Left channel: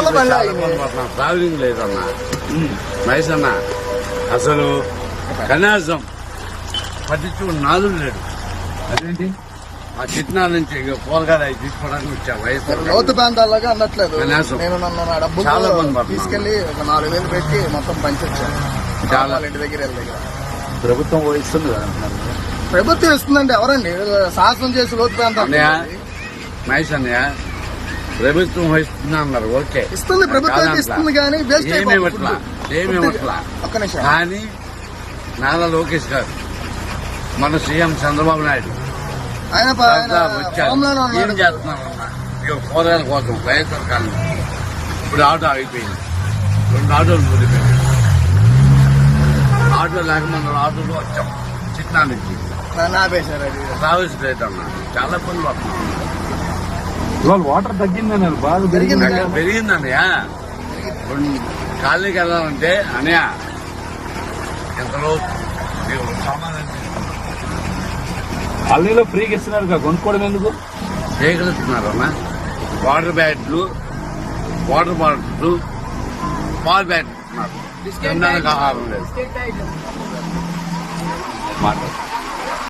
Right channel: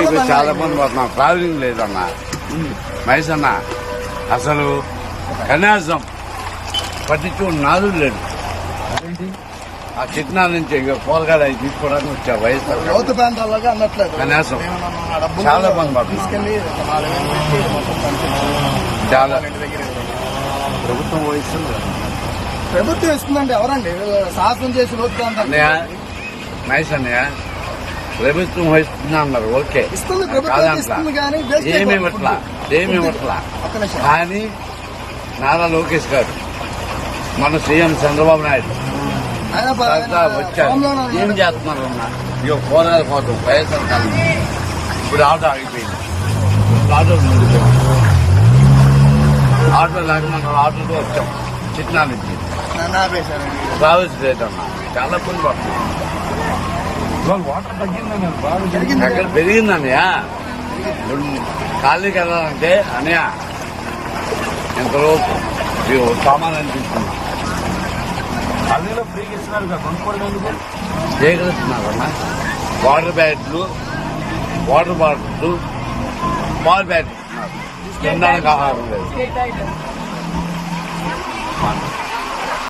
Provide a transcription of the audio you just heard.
చాలా మంది పోతున్నాం ట్రావెలింగ్ లేదన్నా. మహేష్ అన్న అసలు కనీసం పట్టించు నాదుడు లేదు. ఆ చిట్నాల నుంచి కూరగాయలు అవి తీసుకోవడానికి వచ్చా వయసు. లోతు ప్రాంతాల్లోగా అన్నట్లేదు. కనీసం. నేను నన్ను నా డబ్బులు చాలా మంది పడుతున్నారు. తీసుకెళ్ళి నాలుగు వేలు పెట్టి మొత్తం పంచాను చాలా. ఇంటి దగ్గర ప్రభుత్వం వహిస్తుంది కదా. ప్రభుత్వం ఇస్తుందండి ఎవరండి? శాసనం చేసి లోతు ప్రాంతాలు మహేష్ అన్నయ్య ప్రభుత్వం వహిస్తున్నా అన్నారు ఓకే. ఇస్తుంది ప్రభుత్వం ఇస్తుంది కానీ నారా లోకేష్ గారు మన సీఎం చంద్రబాబు నాయుడు వచ్చారు. ఏం ఉన్నాడు. చేస్తున్నారు అన్న? ఇక కూరగాయల కోసం వైఎస్ఆర్ కాలనీ. ఇప్పుడు ఆటో అయిపోయింది రెండు ఆటోలు ముడిపోయింది ఆటో లేక మనం ఆటోలో వచ్చాం. చిట్నా నుంచి నా- నాపేశారు అది. ట్రావెల్స్ రేట్ అన్న. చాలా పని పడుతున్నాం. ఇవాళ వాటర్ తగ్గిందని బాగా జరిగింది. అక్కడ పెరిగింది అన్నయ్య ఇప్పుడు కాలనీకి వెళ్ళాలంటే అన్నయ్య ఎంతలోపు సామాన్యం తీసుకున్నాం. కాలనీలో ఫ్రీగా ఇస్తున్నారు కొనుక్కోవడం ఎందుకు? స్వీకరిస్తున్నారు అన్న. వాటర్ బ్యాట్లు వాటర్ బాటిల్స్ పాల్ బ్యాట్ ఇస్తున్నారు ఆహారం లేదు.